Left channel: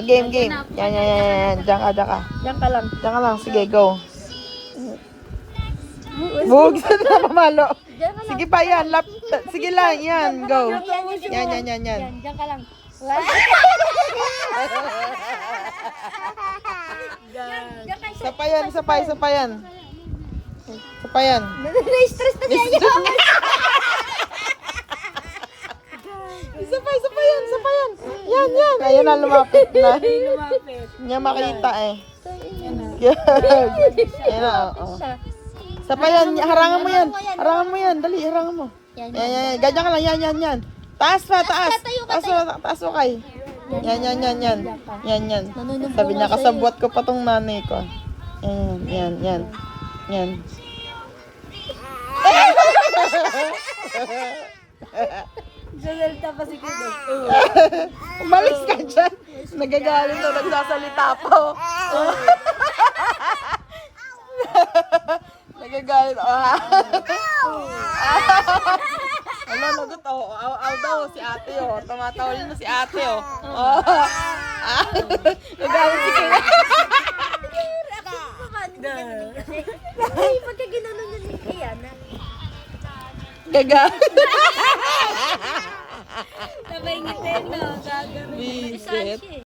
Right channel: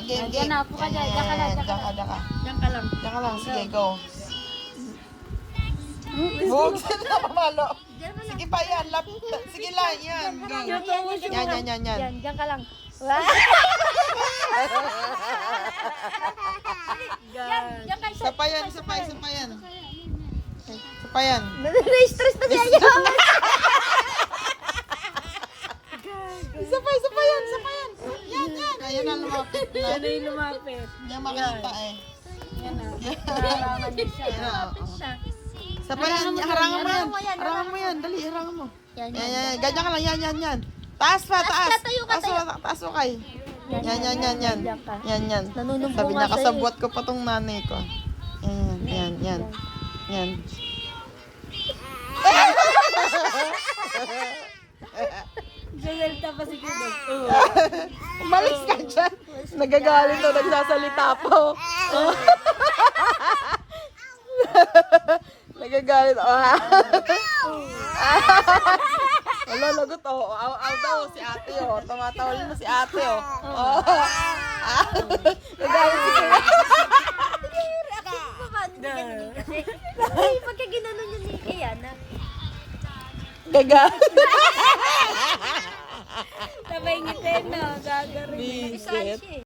Game. Yan. Diyan ka. Diyan ka lang. Diyan ka lang. Sige, go. Bug na mamalo. Sige pa yan. Sige lang. Yan, go. Yan. Diyan ka lang. Isa pa yan. Isa pa yan. Na-stress na siya. Isa pa yan. Yan. Ayan na, lumapit na. Lumapit. Niya makita eh. Yan na. Yan na, oo. Isa pa yan. Harangan mo yan. Dali, harangan mo. Yan. Ganyan ka lang. Yan. Taas pa. Taas mo kay. Yan. Sabi niya, kasabwat ko pa tong nanay ko. Yan. Joselta pa si Kudo. Umalis ka dyan. Nagagalit na nagsasalita po. Nagagalit. Nalalagot. Aw daw si ate. Tumatawalin na si ate. Nagalit si Kuya. Ay, pagka ginanon yun ni Kiana. Gagalit. Sabay ngitin, no? Gagarin. Bisit.